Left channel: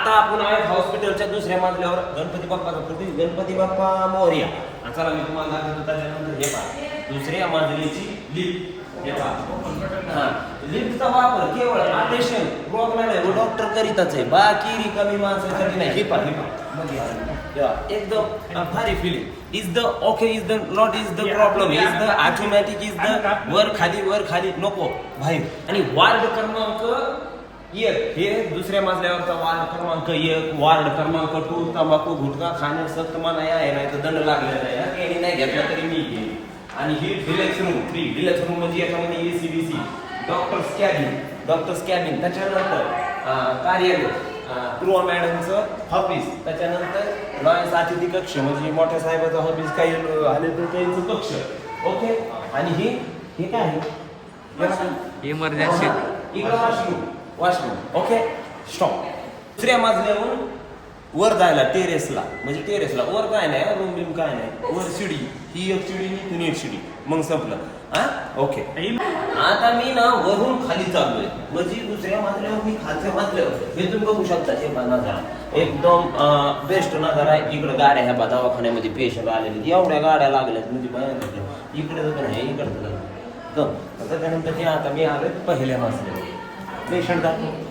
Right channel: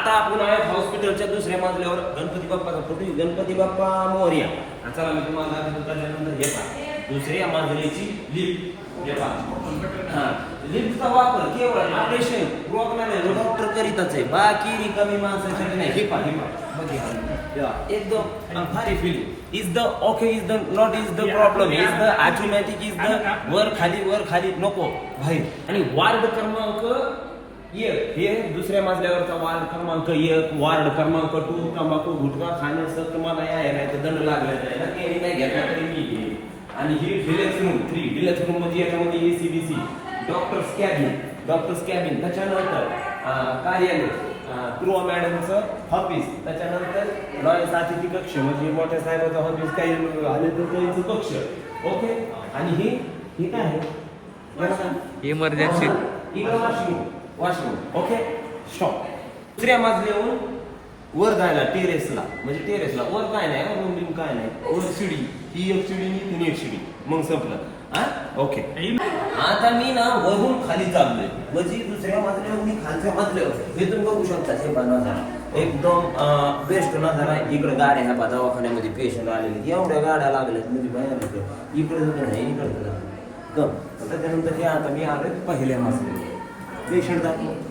आता आपण आहोत हॉस्पिटलच्या दुसऱ्या मजल्यावर गणपती बाप्पाचा फोटो. गणपती बाप्पा मोर्या. आणि चला मी तुम्हाला दाखवतो त्याच्यानंतर हे पहा. दुसऱ्या मजलीची लिफ्ट हे पहा. हा. लिफ्टचा वापर केवळ ऑपरेशन रुग्णालय डॉक्टर करीतच आहे. बाकी रिकामी माणसासाठी नाही. हे पहा हे पहा. एकदम भारी feeling is the okay is the not is the problem is the automatic is the वर खाली वर खाली. नको. भाई आणि वार्ड क्रमांक एक हे दुसऱ्या मजल्यावरचा वार्ड क्रमांक एक वार्ड क्रमांक टू तंबाखू गुटखा खाणे सक्त मनाई आहे नाही तर दंड लागलेला आहे. केळी नाही घेतला तरी मी घेईन. आणि ही deluxe room free deluxe room म्हणजे याच्यामध्ये A C B C doctors cabin doctors cabin त्याच्यानंतर कार्यालय क्रुआ मॅडमचं ऑफिस त्याच्यानंतर लॉयन्स अतिथी कक्ष म्हणजे मोठ्या साहेबाचं ऑफिस काही आले तर त्यांचं कक्ष. ओके आणि ही हे काय आहे? इमर्जन्सी इकडं वॉशरूम ओके स्टॉप दुसऱ्या माजल्याहून वर जायला टेरेसला म्हणजे टेरेसला वर काय नाही रूम बिम काय नाही. वर शिडी. ही एक शिडी तुम्ही इथून एक शिडी. मग संपलं. हा? ओके आता मी ना वरून खाली चाललोय. म्हणजे दुसऱ्या मजल्यावर मी खालच्या मजल्यावर. हे तुम्ही बघू शकता हे बघा नजारा एकदम बेस्ट नजारा आहे इकडं गाड्या ह्या बा दवाखान्यामध्ये पेशंट आलेले. एवढ्या गाड्या लागल्यात. म्हणजे भयानक इकडे जर नाही इकडे गम त्याच्यानंतर हे आता मी आलोय पहिल्या मजल्यावर. पेशंट दाखव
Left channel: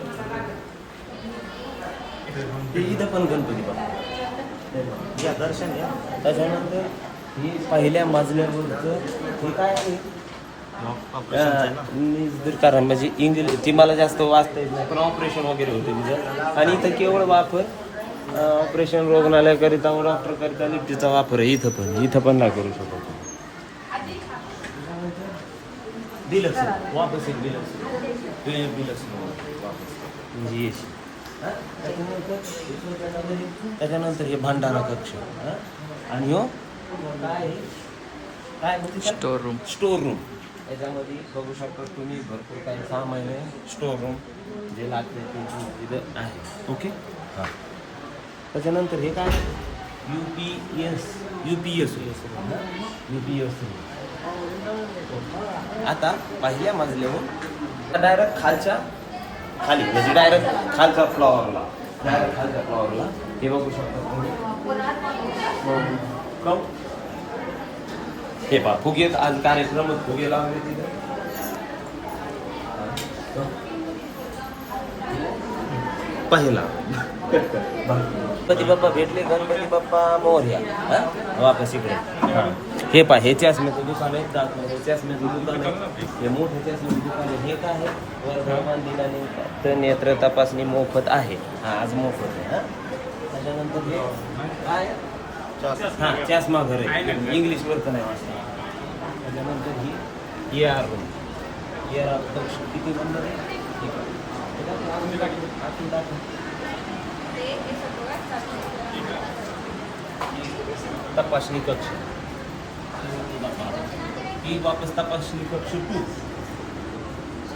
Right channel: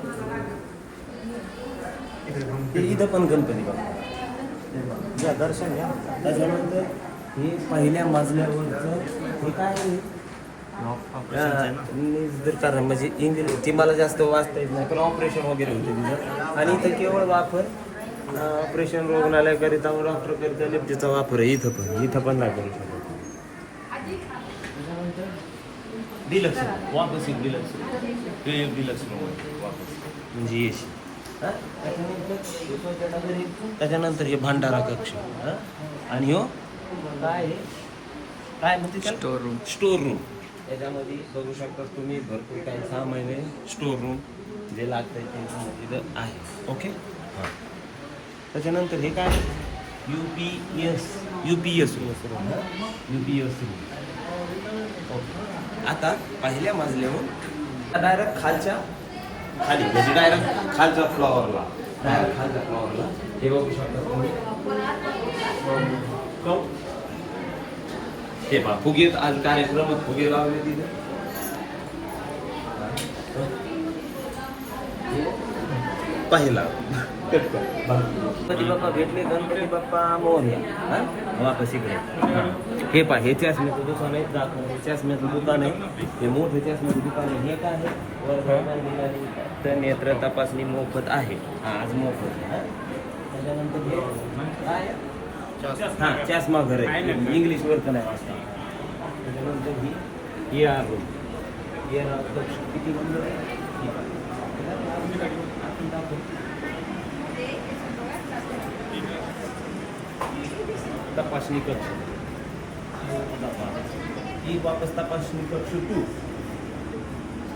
इथं पण गणपती या दर्शन आहे. त्याच्यानंतर हे पहिल्या मजल्यावरचं हे काय आहे? जर कारण म्हणजे इंग्लिश ती मला जास्त वाचता येत नाही पण ऑपरेशन वगैरे होते तुझं आणि इथं केवळ वापर ऑपरेशन रुग्णालयाकरिता डॉक्टर करिता लिफ्टीचा वापर आहे. इथं पण इथं पण नाही करू शकत. डिलक्स वापस एक डिलक्स ते एक डिलक्स वापस. म्हणजे येशी हा? त्याच्यानंतर त्याच्यानंतर हे भांडारा कक्ष. हा? आणि हो? काय आहे? काय म्हणते त्याला? स्टोर रूम स्टोर रूम याच्यामध्ये बघू शकता तुम्ही भरपूर काही सामान आहे. स्टोर रूम जे लागतंय ते इथं आहे. ओके? हां. त्याच्यानंतर हे काय? U P S U P S U P S आता पहिल्या मजल्यावर डायरेक्ट खालच्या खाली म्हणजे डायरेक्ट खालच्या फ्लॉवरला. डायरेक्ट खालच्या फ्लॉवरला. हे बघू शकता तुम्ही. हो. हे. पहा फुगेत आज कार्यक्रम फुगे लावले तिथे. हो. पहिला. कट कर. गणपती बाप्पा भेटले गणपती बाप्पा मोर्या हा? वापस इकडे. हा. पहा हे चष्म्याचं दुकान आहे दाखव हे चष्म्याचं दुकान आहे हे मोठे चष्म्याचं दुकान आहे हे काय आहे? वर्धमान दिलाने तर नेत्र तपासणी मोफत आहे. हा आज मोफत आहे हा? त्याच्यानंतर हे काय? हा चष्मा घर आहे. इंग्लिश वर तर नाही वाचता त्याच्यानंतर ही A R room A R किती नंबर आहे? हे पहा. हे दाखव, आतून दाखव, आतून दाखव. तपासणी कक्ष. ही वापस तपासणी कक्ष टू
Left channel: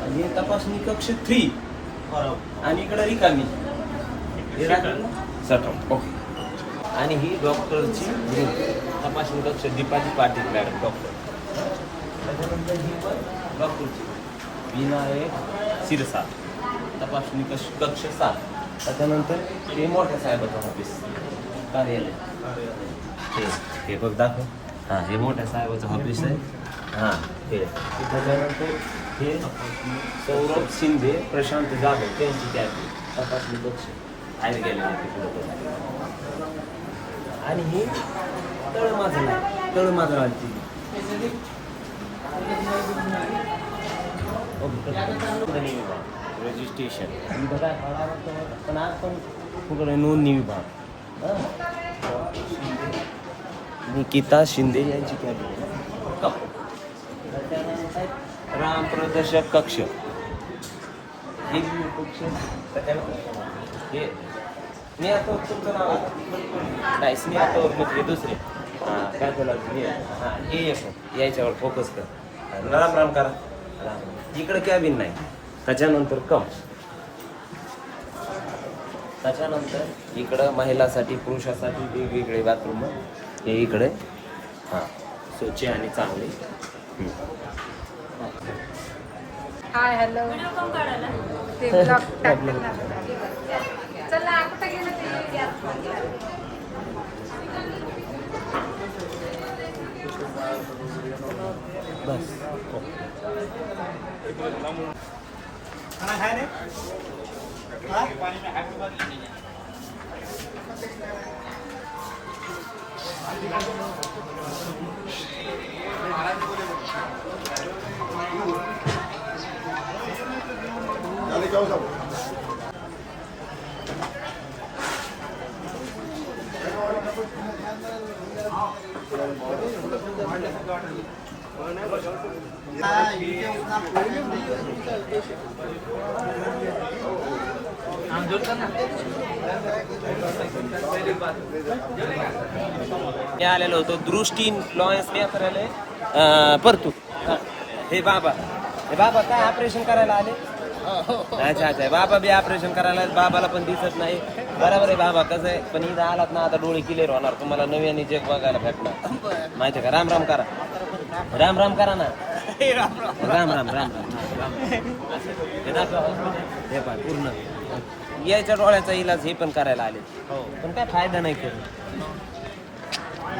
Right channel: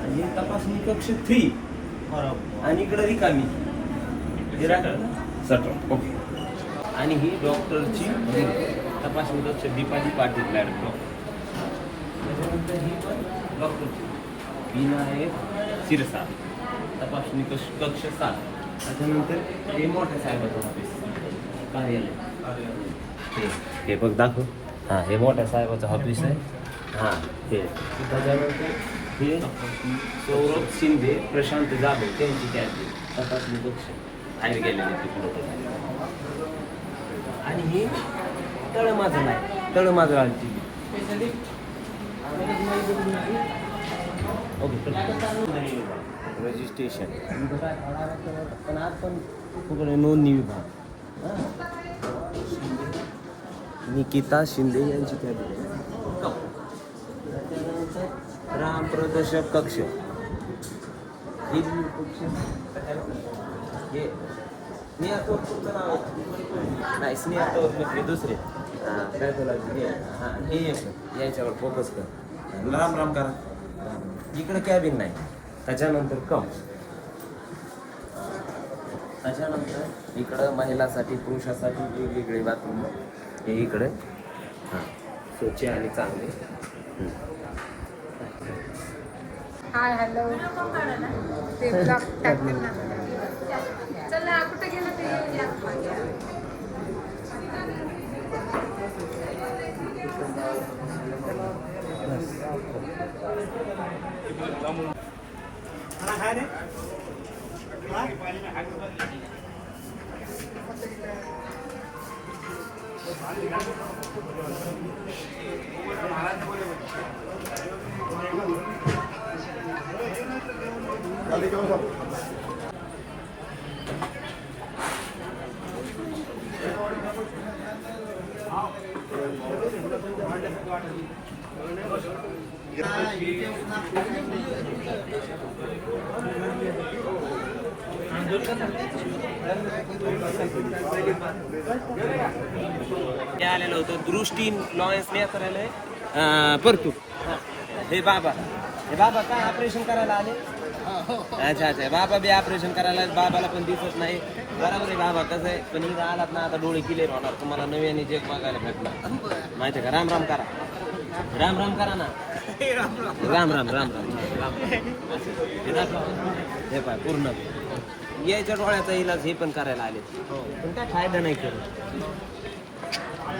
आणि तपासणी कक्ष थ्री आणि इकडे रिकामी. हे राखलं ओके. आणि ही डॉक्टरची तपासणी कक्ष दीपाली पाटील मॅडम डॉक्टर त्याच्यानंतर ही पण डॉक्टरची. विनायक सिरसा तपासणी कक्ष कक्ष सात. त्याच्यानंतर हे मोठ्या साहेबाचं ऑफिस कार्यालय. हे हे बघ दाखव. हां हे मोठ्या साहेबाचं ऑफिस आहे. हां हे. त्याच्यानंतर हे सौरभ शिंदे प्रशांत जाधव त्यांची कॅब तपासणी पक्ष बाहेर गेलेले ते पुढे आणि हे तळमाजरा आहे तळमाजळाची रजिस्ट्रेशन बघा पण आज पण नोंदणी विभाग. हां. निकिता शिंदे यांची कॅबिन त्याच्यानंतर राम प्रदर्शक कक्ष. हे स्नेहातोर तुमचं नाव नाही स्नेहातोर मग हे दुसरे. काय हां हे एक याच्यावर फोकस कर. राम राम करा. इकडे कॅबिन नाही. त्याच्यानंतर कम. त्याच्यानंतर इकडं महिलासाठी पुरुषासाठी वेगवेगळे बाथरूम. हे इकडे. हां. स्वच्छ आणि चांगले. Hi hello. ते ब्लॉग टाकलं ना. ते आलेलो होतो दृष्टी लॉयन्स नेत्रालय परतूर परतू हे बाबा. हे बाबा काय ऑपरेशन करायला आले? अच्छा अच्छा. बाबा बी ऑपरेशन करायला बाबाला पण दिसत नाही. बरोबर आहे बाबा कसं आहे? पण इथं आलात ना आता डोळे क्लिअर होणार. तुम्हाला नव्याने जग बघायला भेटणार. माहिती आहे का? राम राम करा. राम राम करा ना. राम राम राम राम राम राम. हे हे पाय पूर्ण. याच्या डोळ्याचा इलाज हे पण करायला आले. पण काय फायदा नाही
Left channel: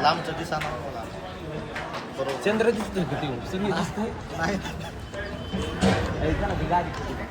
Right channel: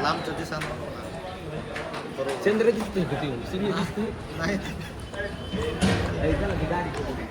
लांबचं दिसाना. चंद्र दिसतोय का? सगळी दिसतोय? हे चला, ती गाडी कुठे?